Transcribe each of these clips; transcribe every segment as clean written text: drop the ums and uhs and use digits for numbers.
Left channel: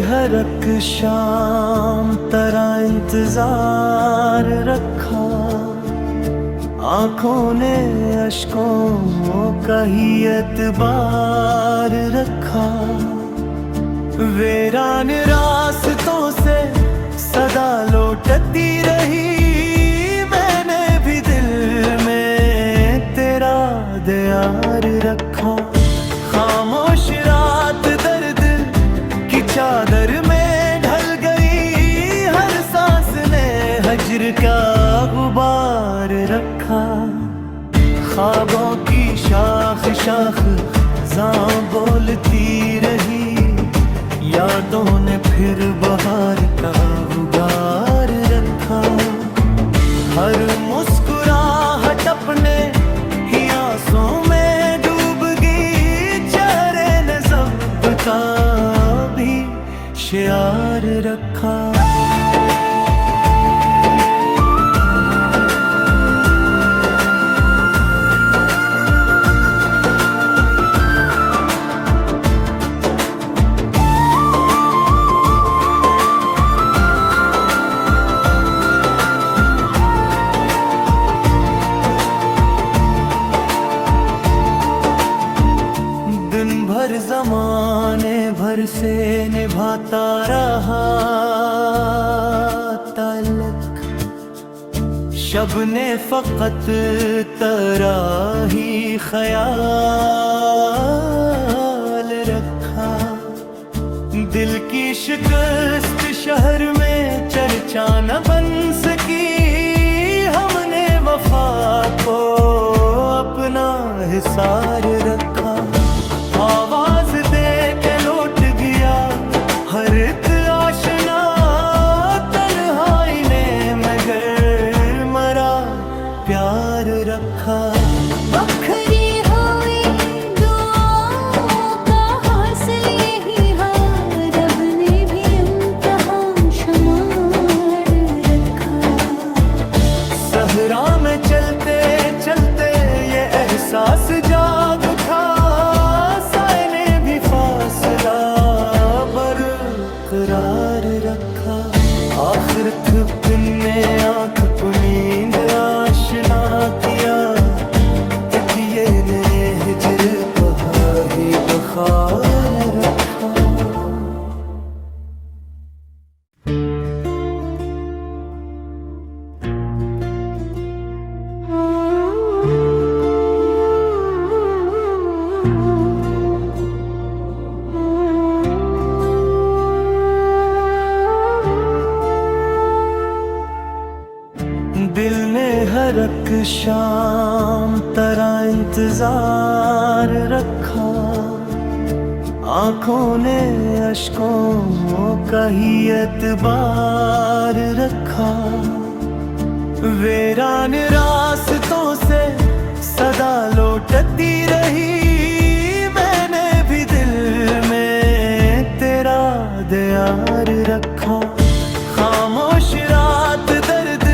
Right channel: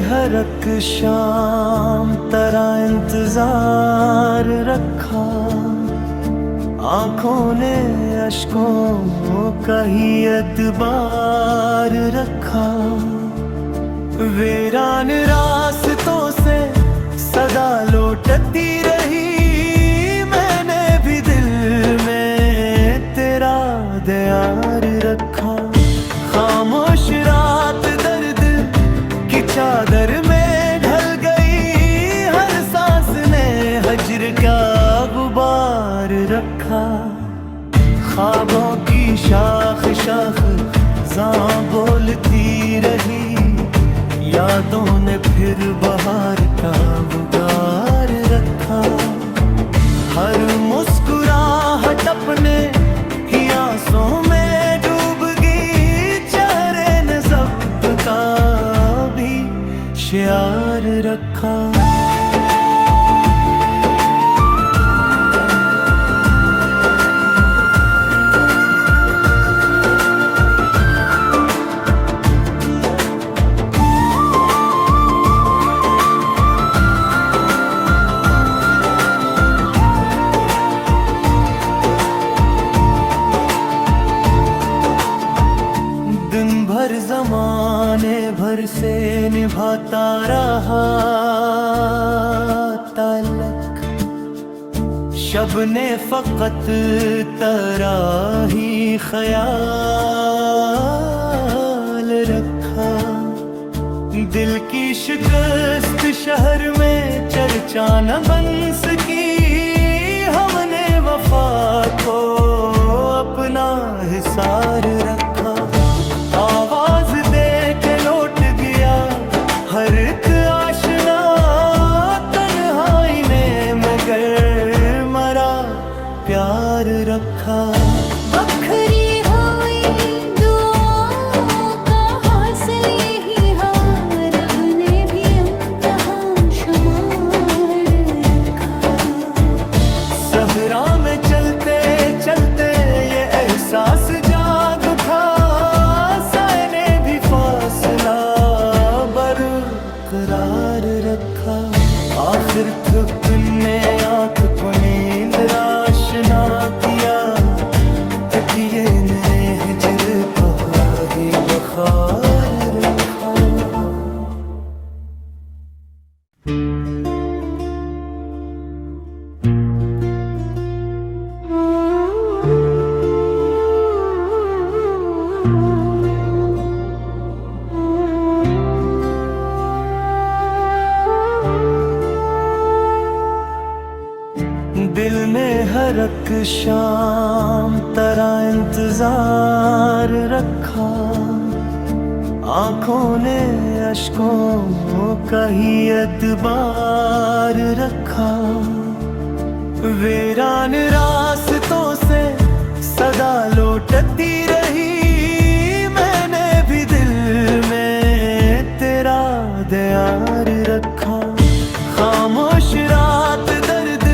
हर एक शाम तेरा इंतजार रखा, आंखों ने अश्कों का ही एतबार रखा। वीरान रास्तों से सदा लौटती रही, मैंने भी दिल में तेरा दियार रखा। खामोश रात दर्द की चादर में ढल गई, हर सांस ने हज्र का गुबार रखा। ख्वाबों की शाख शाख ज़ां बोलती रही, यादों ने फिर बहार का उगार रखा। हर मुस्कुराहट अपने ही आंसों में डूब गई, चेहरे ने सबका भी शियार रखा। दिन भर ज़माने भर से निभाता रहा ताल्लुक, शब ने फ़कत तेरा ही ख्याल रखा। दिल की शिकस्त शहर में चर्चा न बन सकी, हमने वफा को अपना हिसार रखा। आवाज दे के लौट गया हर एक आशना, तन्हाई ने मगर मरा प्यार रखा। बखरी हुई दुआओं का हासिल यही है, रब ने भी इम्तिहान शुमार रखा। सहरा में चलते चलते ये एहसास जाग उठा, साए ने भी फासला बरकरार रखा। आखिर थकने आँख को नींद आशना किया, तकिए ने हिजर पर ही बखार रखा। दिल ने हर एक शाम तेरा इंतजार रखा, आंखों ने अश्कों का ही एतबार रखा। वीरान रास्तों से सदा लौटती रही, मैंने भी दिल में तेरा दियार रखा। खामोश रात दर्द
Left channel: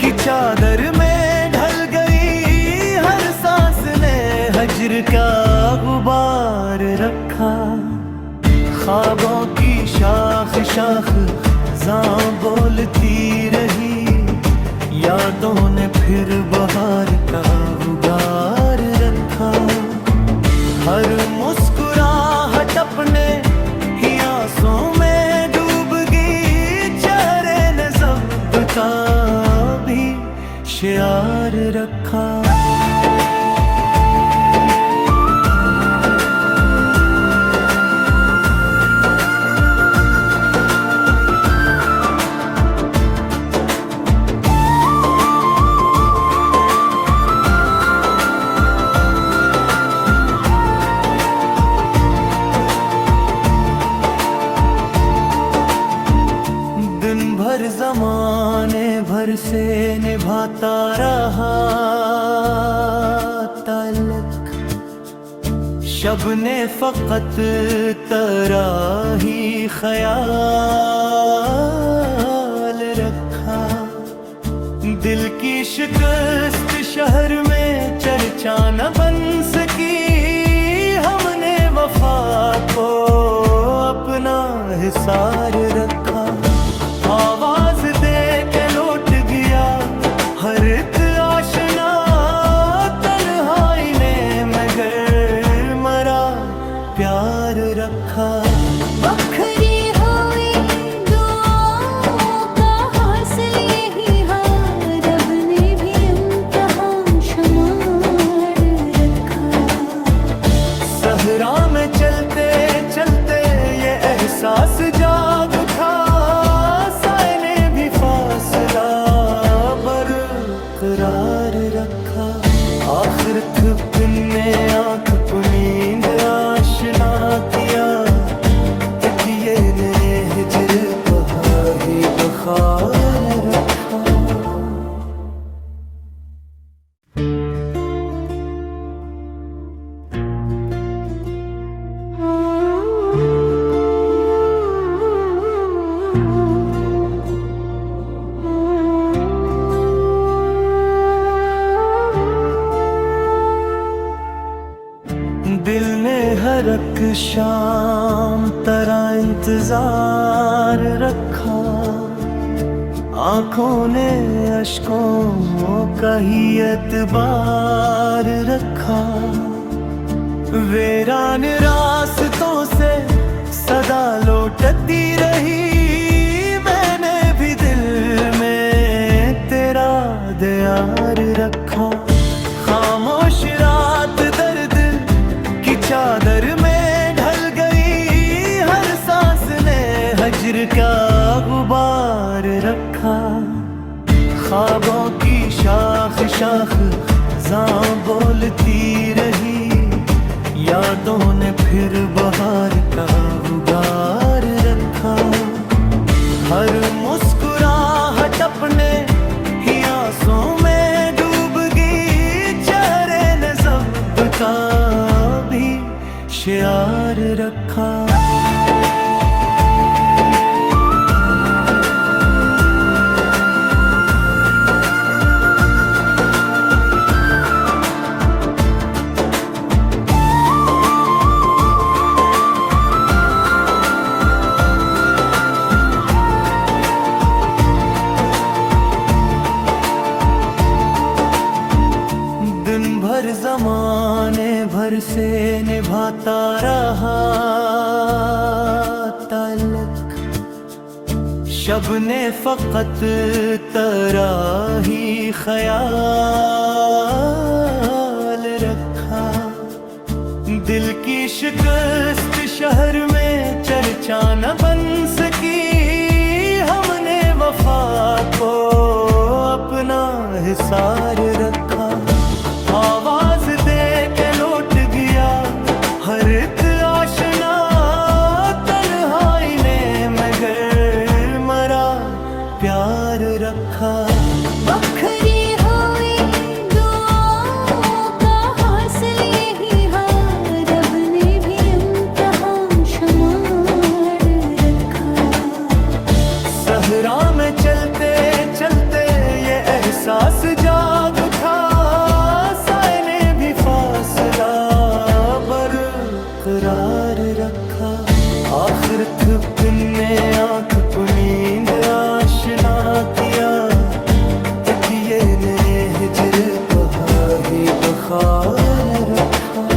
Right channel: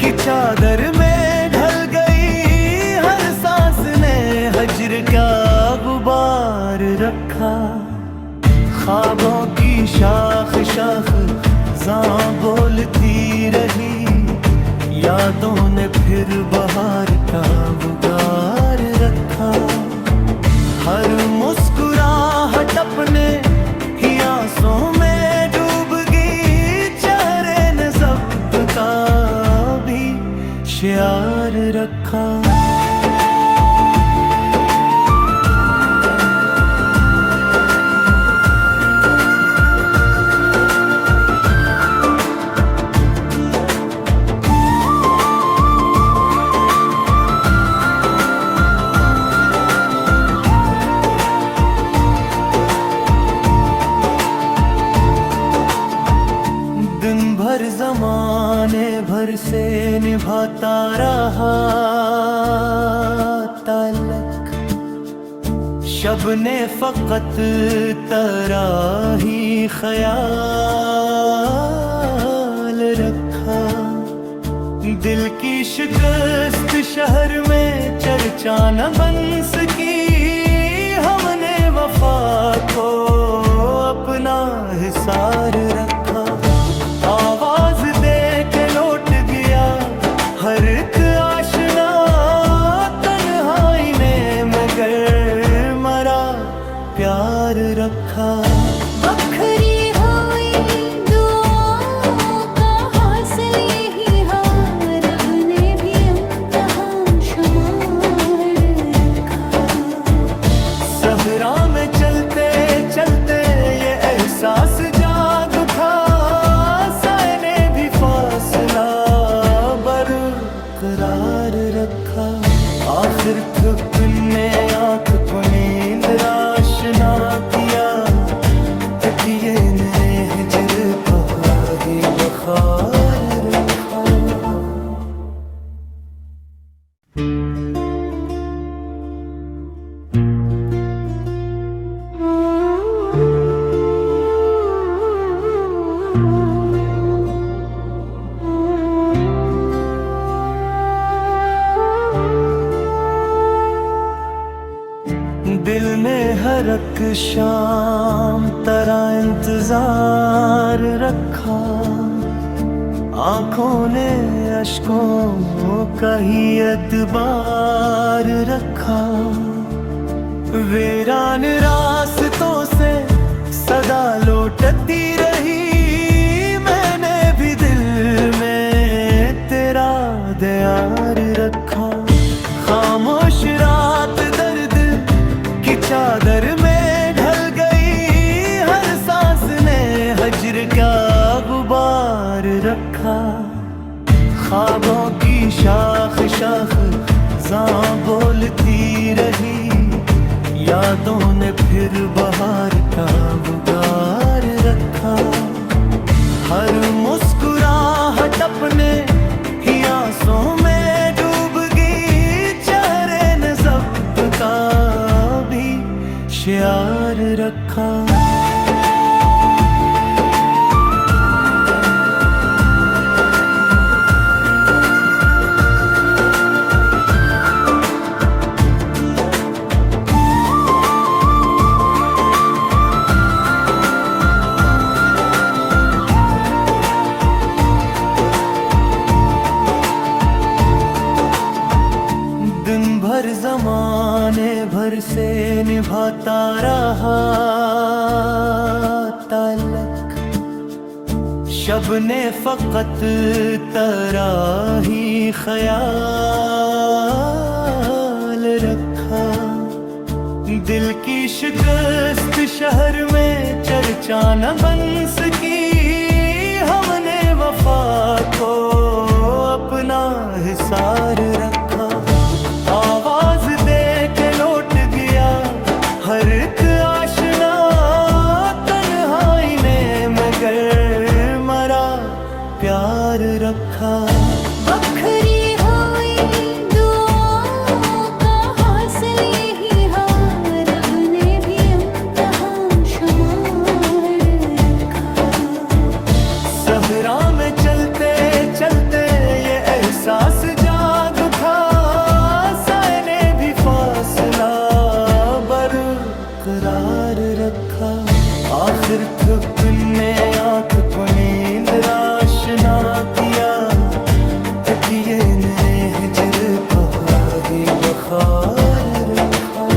की चादर में ढल गई, हर सांस ने हज्र का गुबार रखा। ख्वाबों की शाख शाख ज़ां बोलती रही, यादों ने फिर बहार का उगार रखा। हर मुस्कुराहट अपने ही आंसों में डूब गई, चेहरे ने सबका भी शियार रखा। दिन भर ज़माने भर से निभाता रहा ताल्लुक, शब ने फ़कत तेरा ही ख्याल रखा। दिल की शिकस्त शहर में चर्चा न बन सकी, हमने वफा को अपना हिसार रखा। आवाज दे के लौट गया हर एक आशना, तन्हाई ने मगर मरा प्यार रखा। बखरी हुई दुआओं का हासिल यही है, रब ने भी इम्तिहान शुमार रखा। सहरा में चलते चलते ये एहसास जाग उठा, साए ने भी फासला बरकरार रखा। आखिर थकने आँख को नींद आशना किया, तकिए ने हिजर पहाड़ी बखार रखा। दिल ने हर एक शाम तरह इंतजार रखा, आंखों ने अश्कों का ही एतबार रखा। वीरान रास्तों से सदा लौटती रही, मैंने भी दिल में तेरा दियार रखा। खामोश रात दर्द की चादर में ढल गई, हर सांस ने हज्र का गुबार रखा। ख्वाबों की शाख शाख ज़ां बोलती रही, यादों ने फिर बहार का उगार रखा। हर मुस्कुराहट अपने ही आंसू में डूब गई, चेहरे ने सबका भी शियार रखा। दिन भर जमाने भर से निभाता रहा ताल्लुक, शब ने फकत तेरा ही ख्याल रखा। दिल की शिकस्त शहर में चर्चा न बन सकी, हमने वफा को अपना हिसार रखा। आवाज दे के लौट गया हर एक आशना, तन्हाई ने मगर मरा प्यार रखा। बखरी हुई दुआओं का हासिल यही है, रब ने भी इम्तिहान शुमार रखा। सहरा में चलते चलते ये एहसास जाग उठा, साए ने भी फासला बरकरार रखा। आखिर थकने आँख को नींद आशना किया, तकिए ने हिजर पहाड़ी बखार रखा।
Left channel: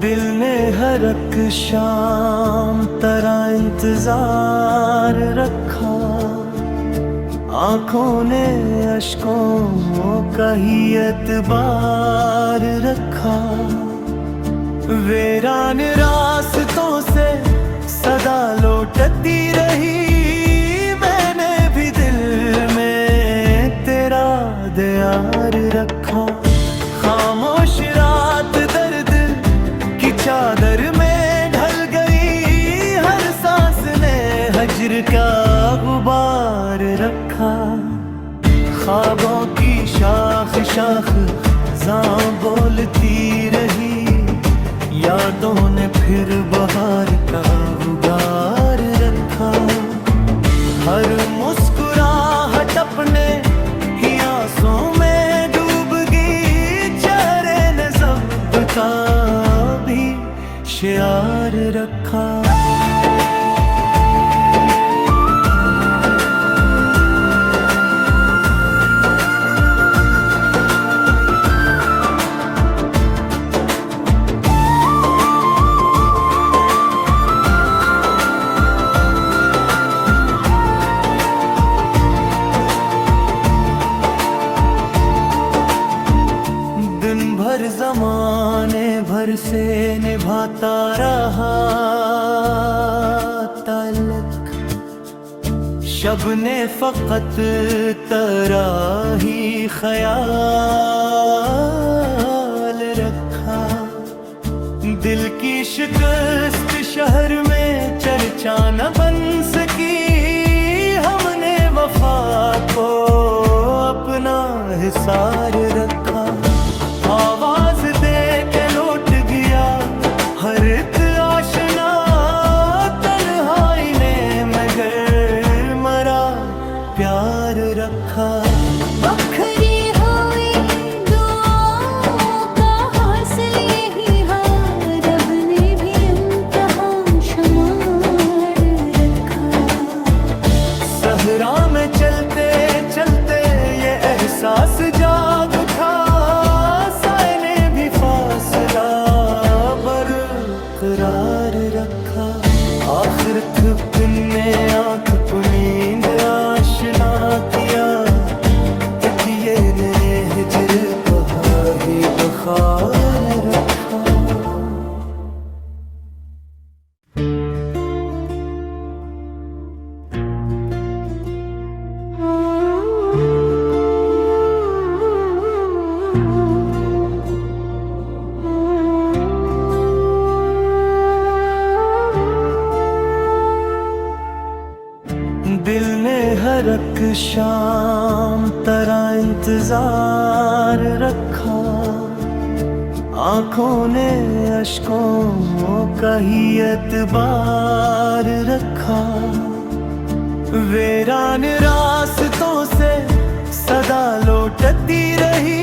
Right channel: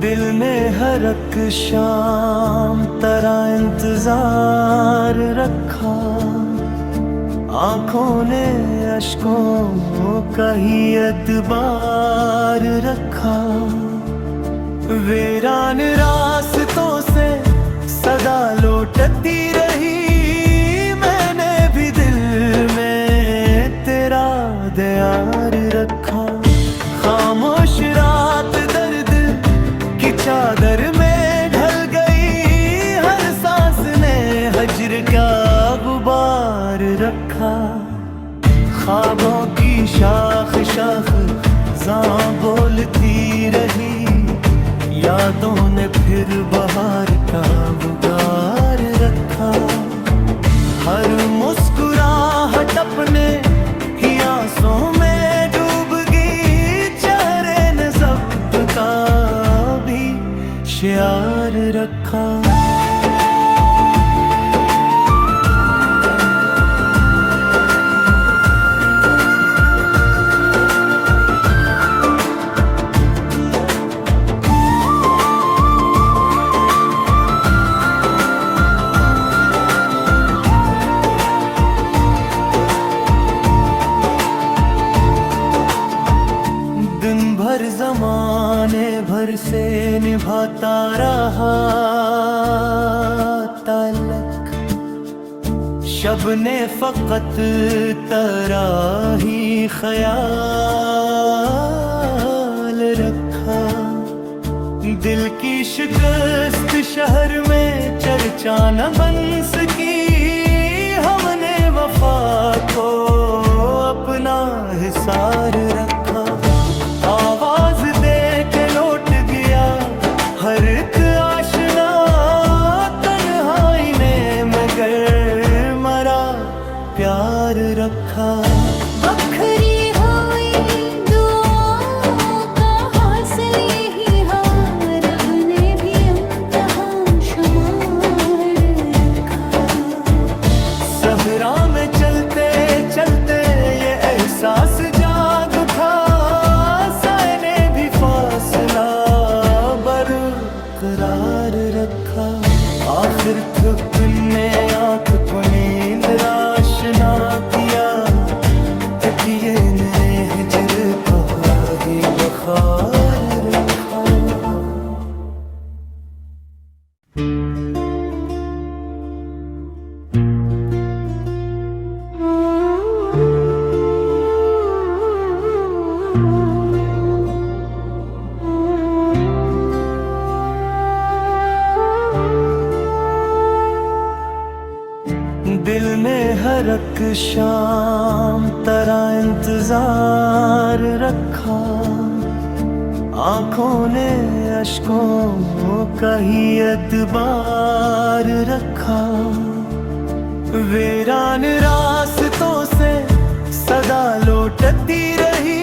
दिल ने हर एक शाम तरह इंतजार रखा, आंखों ने अश्कों का ही एतबार रखा। वीरान रास्तों से सदा लौटती रही, मैंने भी दिल में तेरा दियार रखा। खामोश रात दर्द की चादर में ढल गई, हर सांस ने हज्र का गुबार रखा। ख्वाबों की शाख शाख खजां बोलती रही, यादों ने फिर बहार का उगार रखा। हर मुस्कुराहट अपने ही आंसों में डूब गई, चेहरे ने सबका भी शियार रखा। दिन भर जमाने भर से निभाता रहा ताल्लुक, शब ने फकत तेरा ही ख्याल रखा। दिल की शिकस्त शहर में चर्चा न बन सकी, हमने वफा को अपना हिसार रखा। आवाज दे के लौट गया हर एक आशना, तन्हाई ने मगर मरा प्यार रखा। बखरी हुई दुआओं का हासिल यही है, रब ने भी इम्तिहान शुमार रखा। सहरा में चलते चलते ये एहसास जाग उठा, साए ने भी फासला बरकरार रखा। आखिर थकने आँख को नींद आशना किया, तकिए ने हिजर कहा ही बखार रखा। दिल ने हर एक शाम तेरा इंतजार रखा, आंखों ने अश्कों का ही एतबार रखा। वीरान रास्तों से सदा लौटती रही,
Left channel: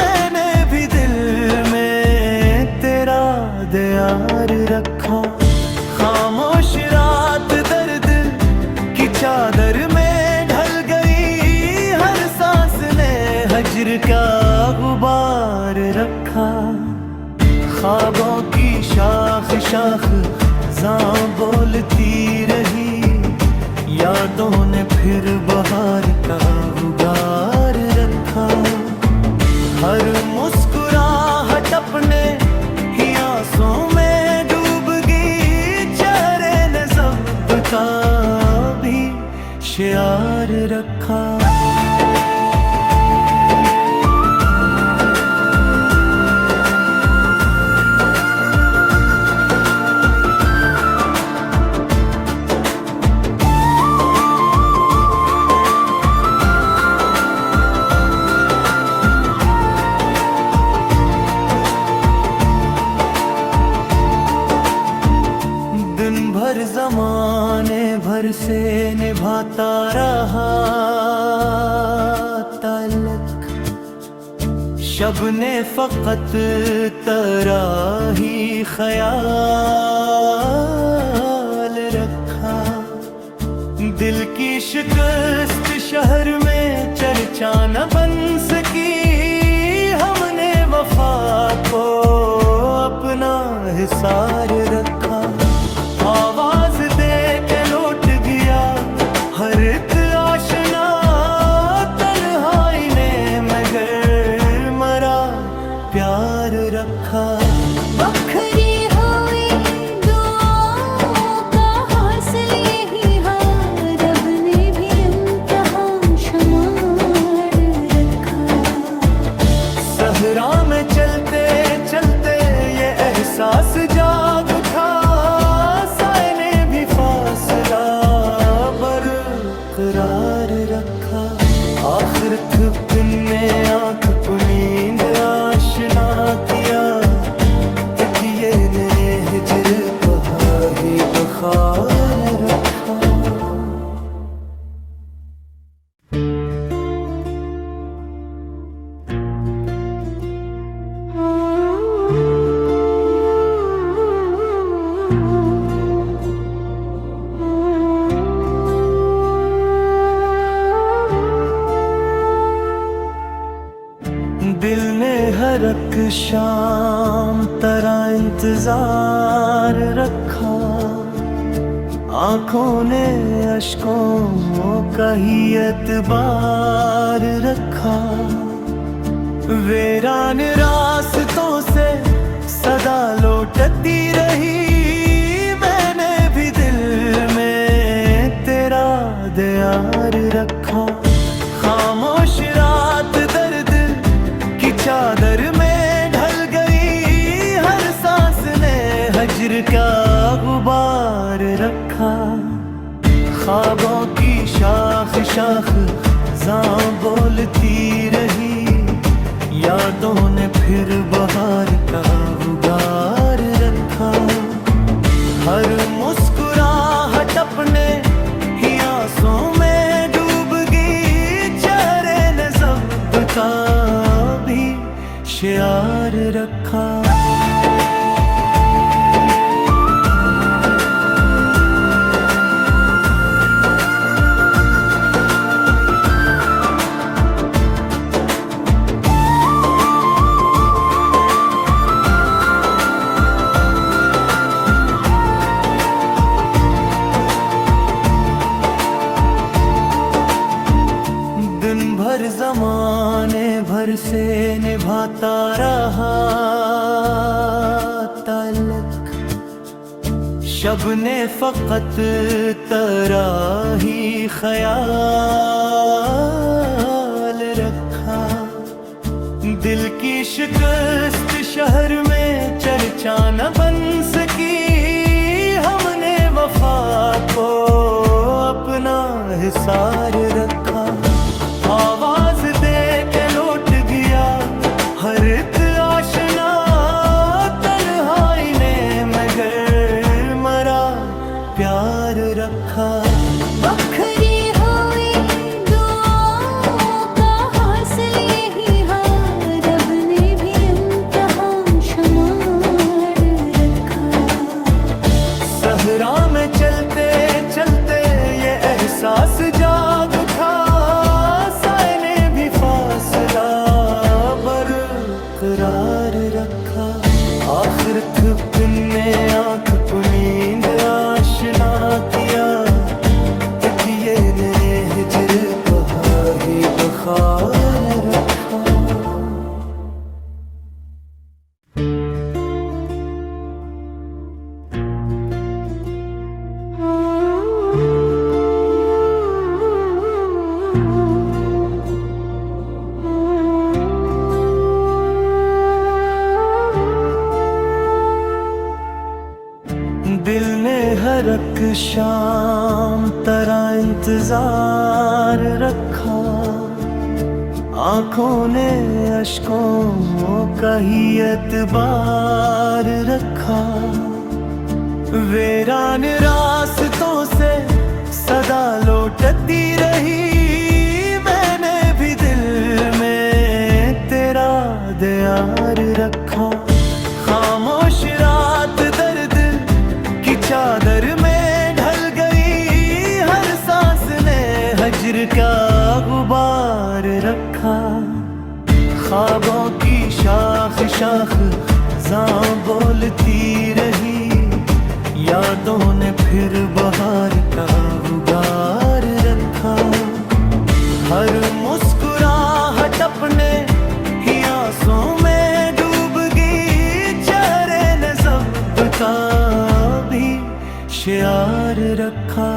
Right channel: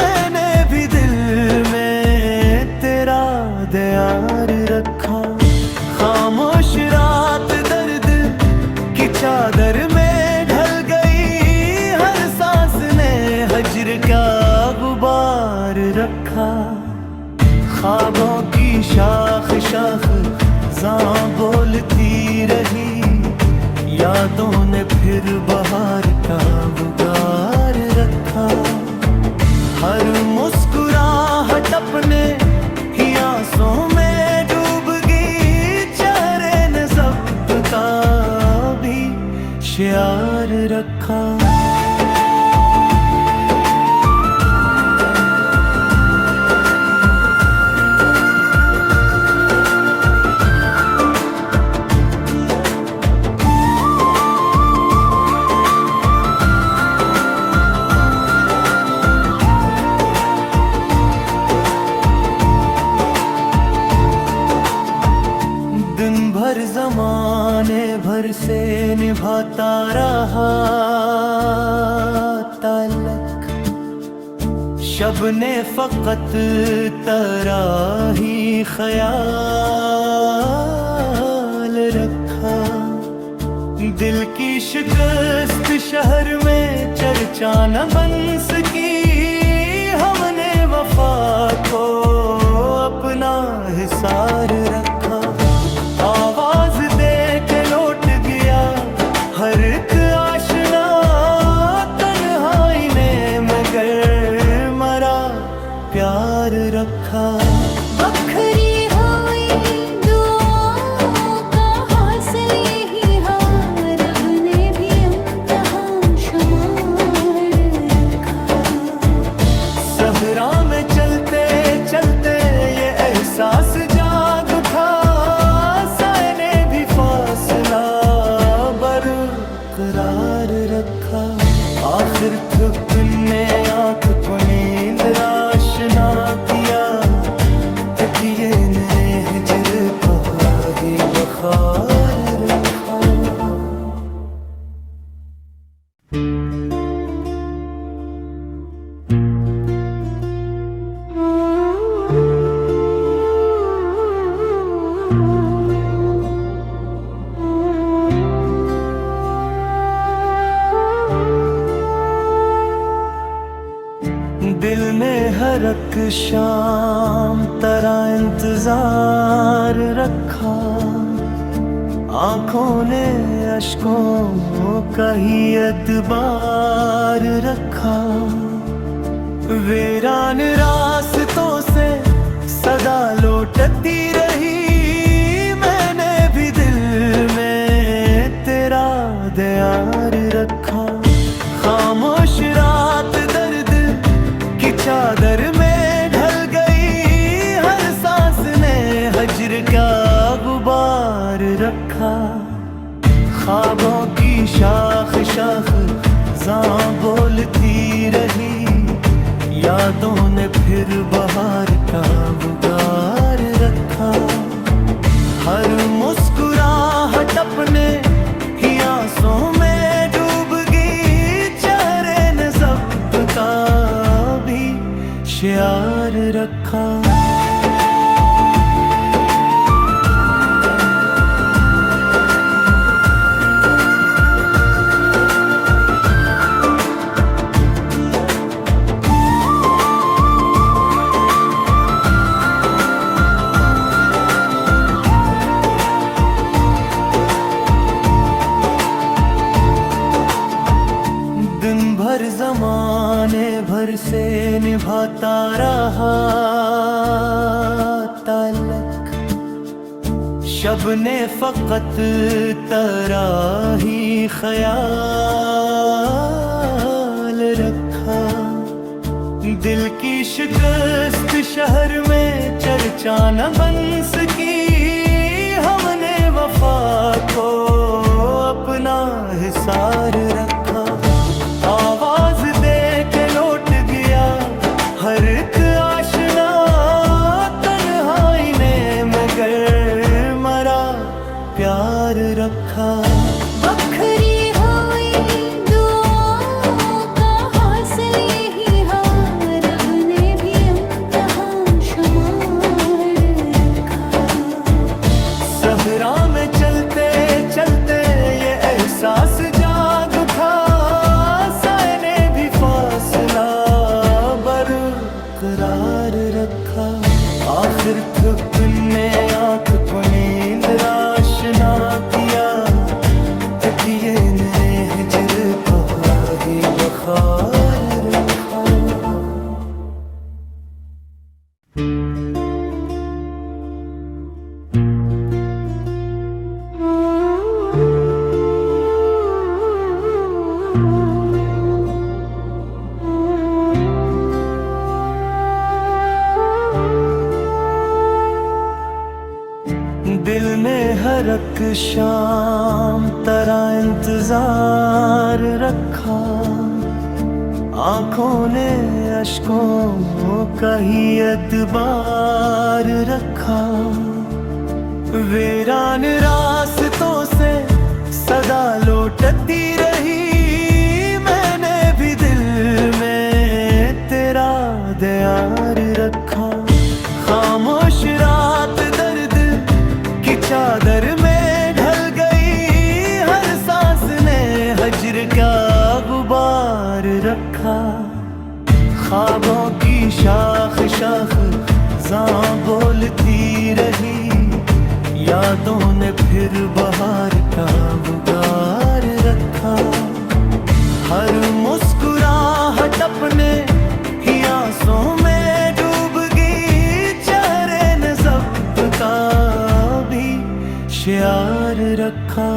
मैंने भी दिल में तेरा दियार रखा। खामोश रात दर्द की चादर में ढल गई, हर सांस ने हज्र का गुबार रखा। ख्वाबों की शाख शाख जां बोलती रही, यादों ने फिर बहार का उगार रखा। हर मुस्कुराहट अपने ही आंसों में डूब गई, चेहरे ने सबका भी शियार रखा। दिन भर जमाने भर से निभाता रहा ताल्लुक, शब ने फकत तेरा ही ख्याल रखा। दिल की शिकस्त शहर में चर्चा न बन सकी, हमने वफा को अपना हिसार रखा। आवाज दे के लौट गया हर एक आशना, तन्हाई ने मगर मरा प्यार रखा। बखरी हुई दुआओं का हासिल यही है, रब ने भी इम्तिहान शुमार रखा। सहरा में चलते चलते ये एहसास जाग उठा, साए ने भी फासला बरकरार रखा। आखिर थकने आँख को नींद आशना किया, तकिए ने हिजर पहाड़ी बखार रखा। दिल ने हर एक शाम तरह इंतजार रखा, आंखों ने अश्कों का ही एतबार रखा। वीरान रास्तों से सदा लौटती रही, मैंने भी दिल में तेरा दियार रखा। खामोश रात दर्द की चादर में ढल गई, हर सांस ने हज्र का गुबार रखा। ख्वाबों की शाख शाख ज़ां बोलती रही, यादों ने फिर बहार का उगार रखा। हर मुस्कुराहट अपने ही आंसों में डूब गई, चेहरे ने सबका भी शियार रखा। दिन भर जमाने भर से निभाता रहा ताल्लुक, शब ने फकत तेरा ही ख्याल रखा। दिल की शिकस्त शहर में चर्चा न बन सकी, हमने वफा को अपना हिसार रखा। आवाज दे के लौट गया हर एक आशना, तन्हाई ने मगर मरा प्यार रखा। बखरी हुई दुआओं का हासिल यही है, रब ने भी इम्तिहान शुमार रखा। सहरा में चलते चलते ये एहसास जाग उठा, साए ने भी फासला बरकरार रखा। आखिर थकने आँख को नींद आशना किया, तकिए ने हिजर पहाड़ी बखार रखा। दिल ने हर एक शाम तरह इंतजार रखा, आंखों ने अश्कों का ही एतबार रखा। वीरान रास्तों से सदा लौटती रही, मैंने भी दिल में तेरा दियार रखा। खामोश रात दर्द की चादर में ढल गई, हर सांस ने हज्र का गुबार रखा। ख्वाबों की शाख शाख ज़ां बोलती रही, यादों ने फिर बहार का उगार रखा। हर मुस्कुराहट अपने ही आंसों में डूब गई, चेहरे ने सबका भी शियार रखा।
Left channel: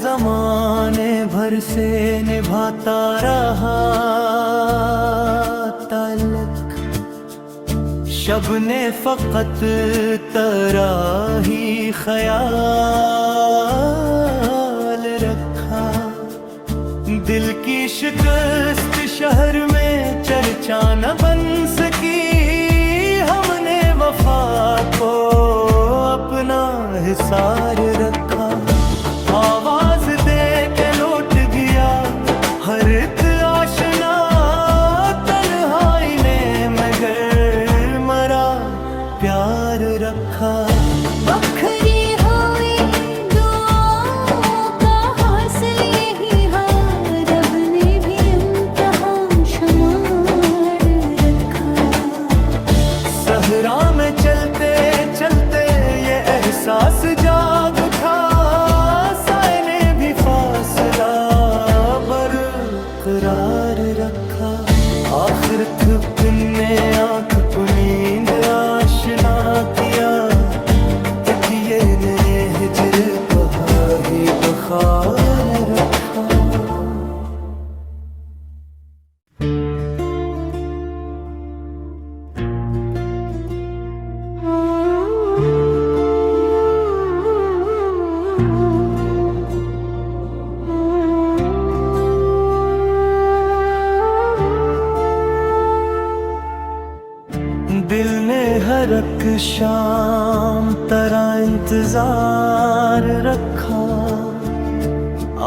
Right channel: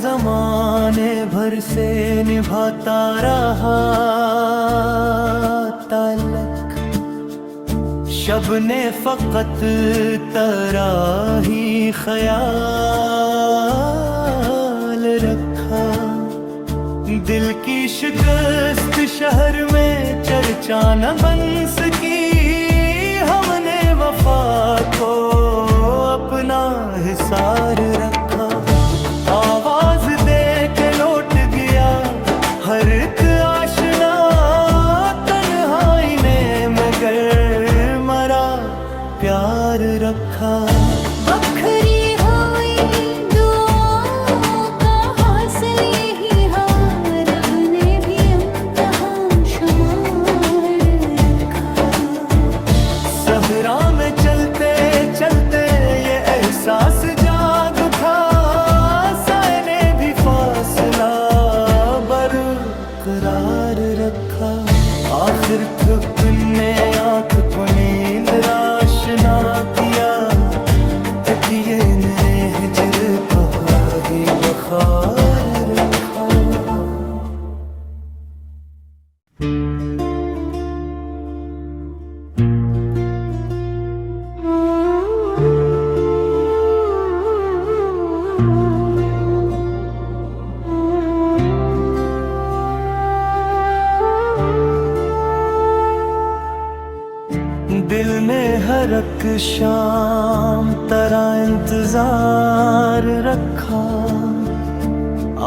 जमाने भर से निभाता रहा ताल्लुक, शब ने फकत तेरा ही ख्याल रखा। दिल की शिकस्त शहर में चर्चा न बन सकी, हमने वफा को अपना हिसार रखा। आवाज दे के लौट गया हर एक आशना, तन्हाई ने मगर मरा प्यार रखा। बखरी हुई दुआओं का हासिल यही है, रब ने भी इम्तिहान शुमार रखा। सहरा में चलते चलते ये एहसास जाग उठा, साए ने भी फासला बरकरार रखा। आखिर थकने आँख को नींद आशना किया, तकिए ने हिजर पहाड़ी बखार रखा। दिल ने हर एक शाम तेरा इंतजार रखा,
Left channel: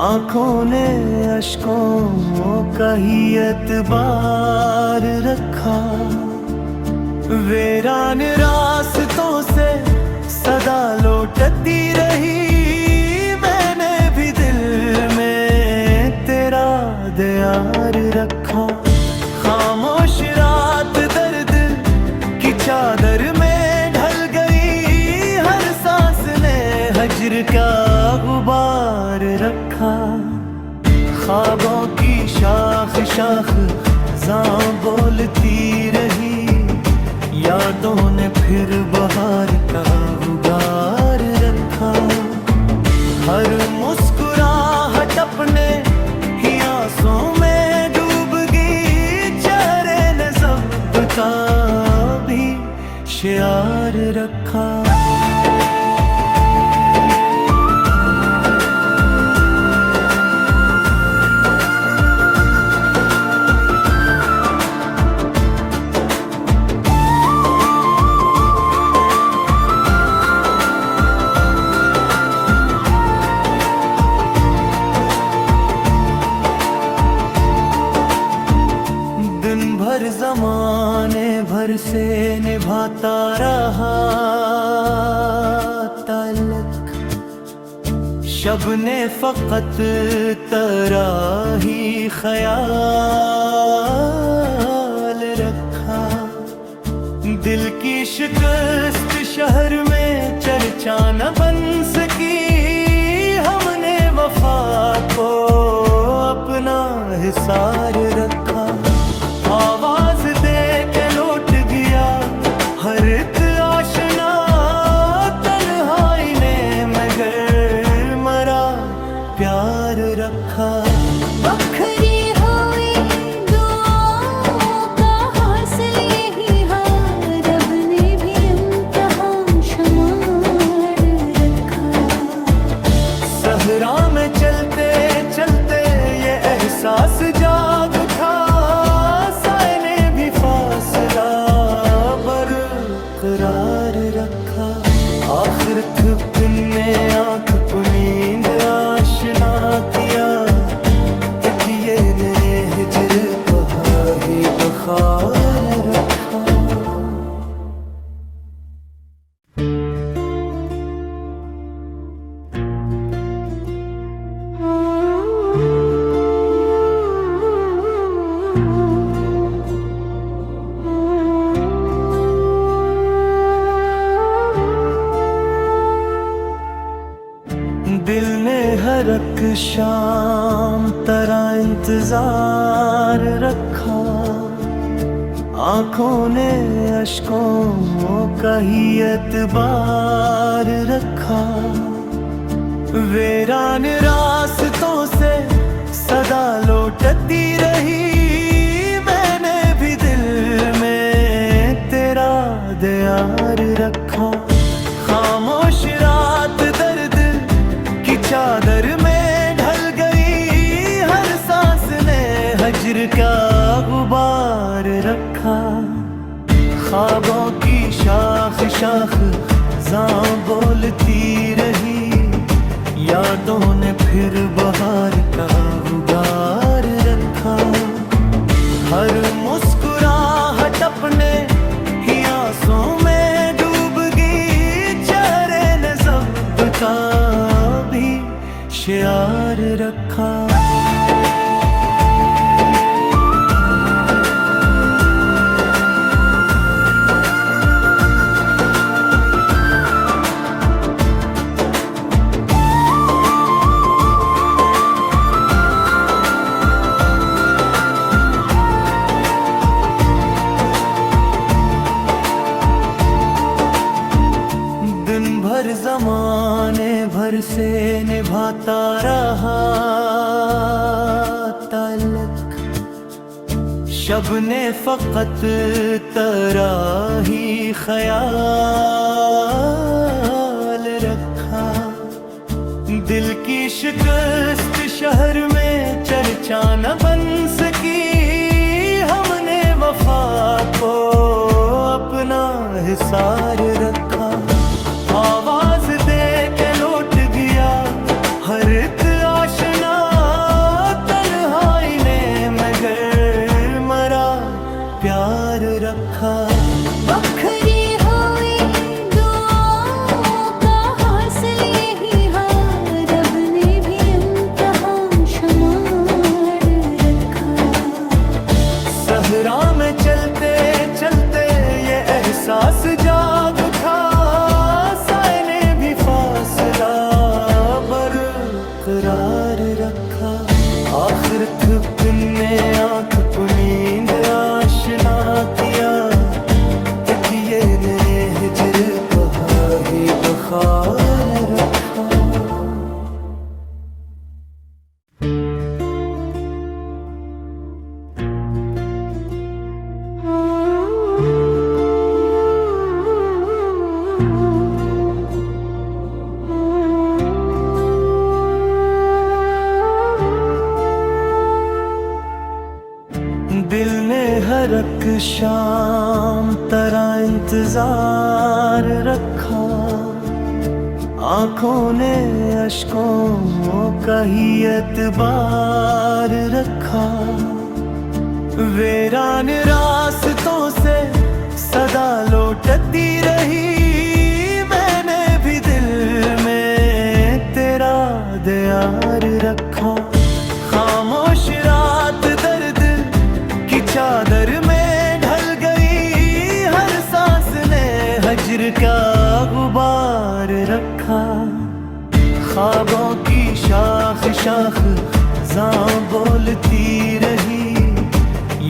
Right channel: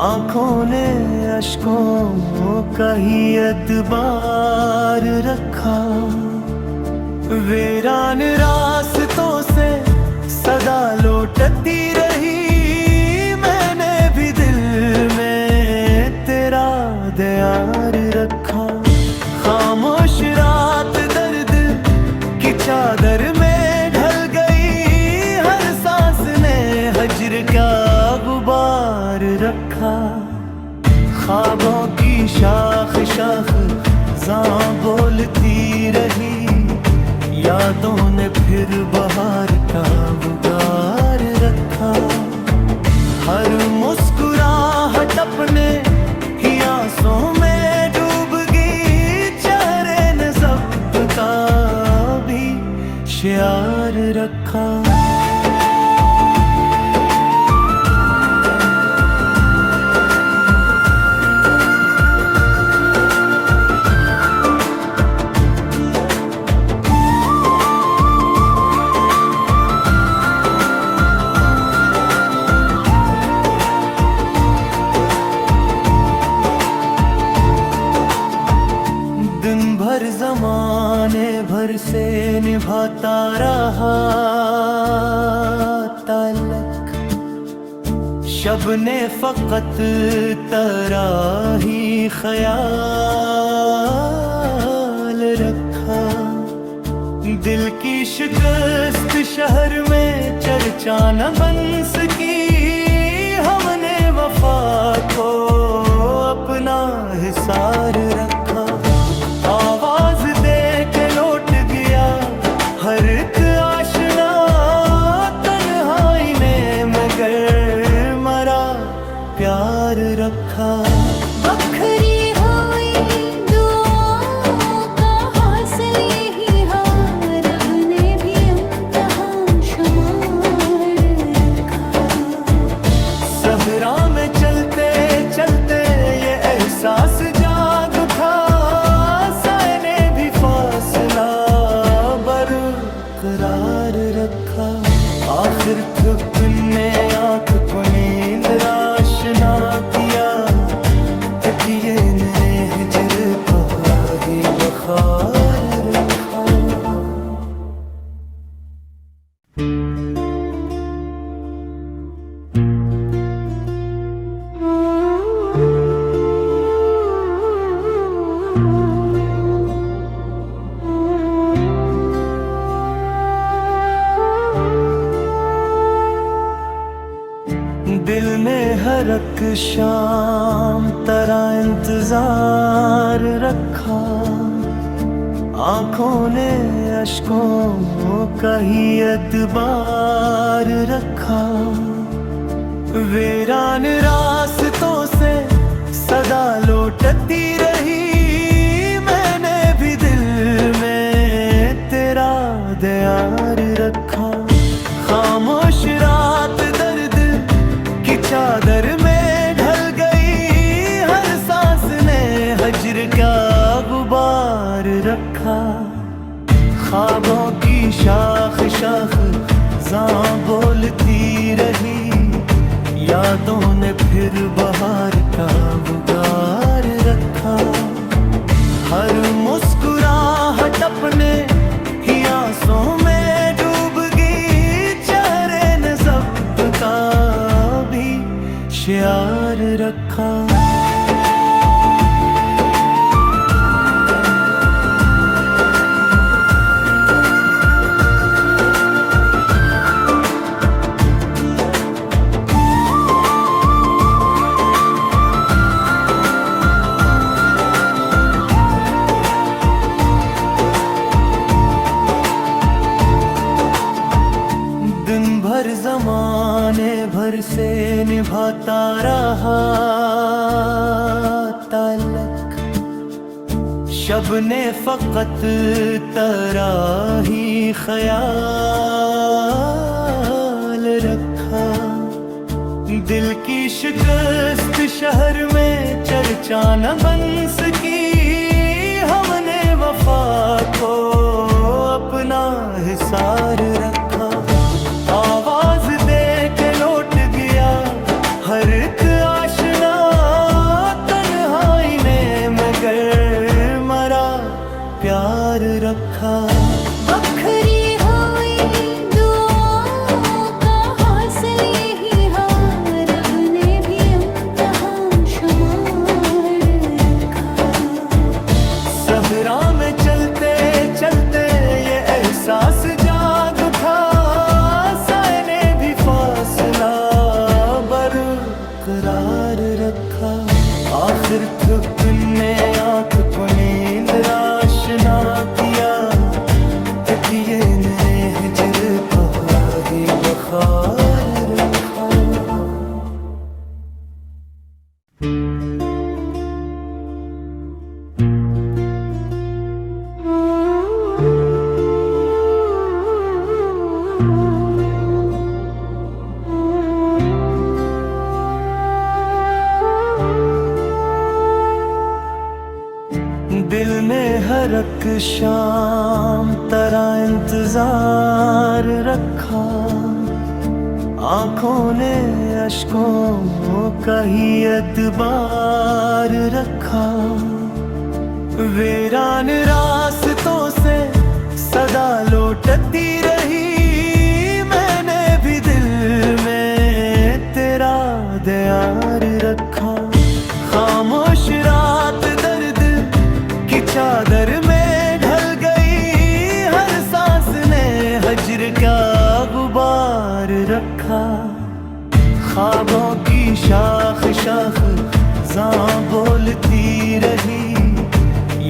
आँखों ने अश्कों का ही एतबार रखा। वीरान रास्तों से सदा लौटती रही, मैंने भी दिल में तेरा दियार रखा। खामोश रात दर्द की चादर में ढल गई, हर सांस ने हजर का गुबार रखा। ख्वाबों की शाख शाख ज़ां बोलती रही, यादों ने फिर बहार का उगार रखा। हर मुस्कुराहट अपने ही आंसों में डूब गई, चेहरे ने सबका भी शियार रखा। दिन भर जमाने भर से निभाता रहा ताल्लुक, शब ने फकत तेरा ही ख्याल रखा। दिल की शिकस्त शहर में चर्चा न बन सकी, हमने वफा को अपना हिसार रखा। आवाज दे के लौट गया हर एक आशना, तन्हाई ने मगर मरा प्यार रखा। बखरी हुई दुआओं का हासिल यही है, रब ने भी इम्तिहान शुमार रखा। सहरा में चलते चलते ये एहसास जाग उठा, साए ने भी फासला बरकरार रखा। आखिर थकने आँख को नींद आशना किया, तकिए ने हिजर पहाड़ी बखार रखा। दिल ने हर एक शाम तेरा इंतजार रखा, आँखों ने अश्कों का ही एतबार रखा। वीरान रास्तों से सदा लौटती रही, मैंने भी दिल में तेरा दियार रखा। खामोश रात दर्द की चादर में ढल गई, हर सांस ने हज्र का गुबार रखा। ख्वाबों की शाख शाख जां बोलती रही, यादों ने फिर बहार का उगार रखा। हर मुस्कुराहट अपने ही आंसों में डूब गई, चेहरे ने सबका भी शियार रखा। दिन भर ज़माने भर से निभाता रहा ताल्लुक, शब ने फ़कत तेरा ही ख्याल रखा। दिल की शिकस्त शहर में चर्चा न बन सकी, हमने वफा को अपना हिसार रखा। आवाज दे के लौट गया हर एक आशना, तन्हाई ने मगर मरा प्यार रखा। बखरी हुई दुआओं का हासिल यही है, रब ने भी इम्तिहान शुमार रखा। सहरा में चलते चलते ये एहसास जाग उठा, साए ने भी फासला बरकरार रखा। आखिर थकने आँख को नींद आशना किया, तकिए ने हिजर पहाड़ी बखार रखा। दिल ने हर एक शाम तरह इंतजार रखा, आंखों ने अश्कों का ही एतबार रखा। वीरान रास्तों से सदा लौटती रही, मैंने भी दिल में तेरा दियार रखा। खामोश रात दर्द की चादर में ढल गई, हर सांस ने हज्र का गुबार रखा। ख्वाबों की शाख शाख जां बोलती रही,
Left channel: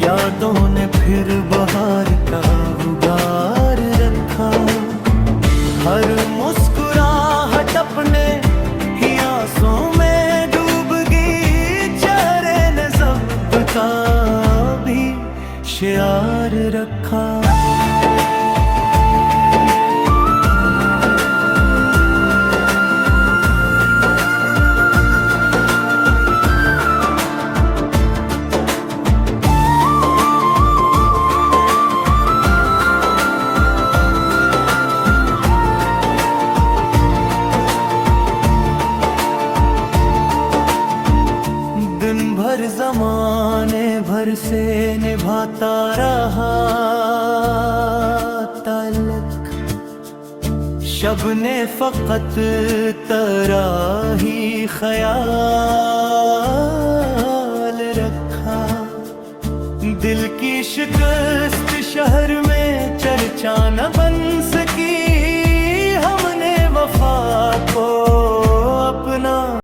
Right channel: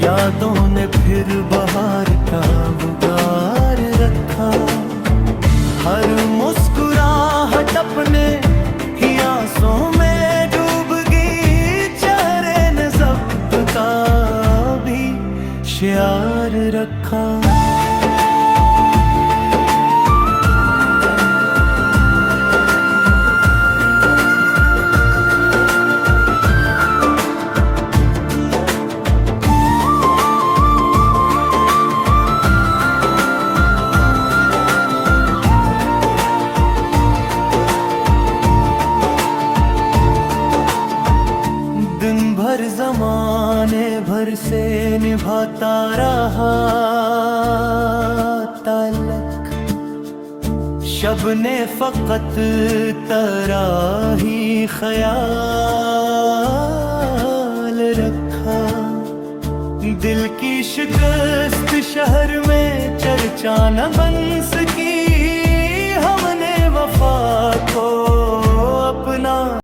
यादों ने फिर बहार का उगार रखा। हर मुस्कुराहट अपने ही आंसों में डूब गई, चेहरे ने सबका भी शियार रखा। दिन भर ज़माने भर से निभाता रहा ताल्लुक, शब ने फ़कत तेरा ही ख्याल रखा। दिल की शिकस्त शहर में चर्चा न बन सकी, हमने वफा को अपना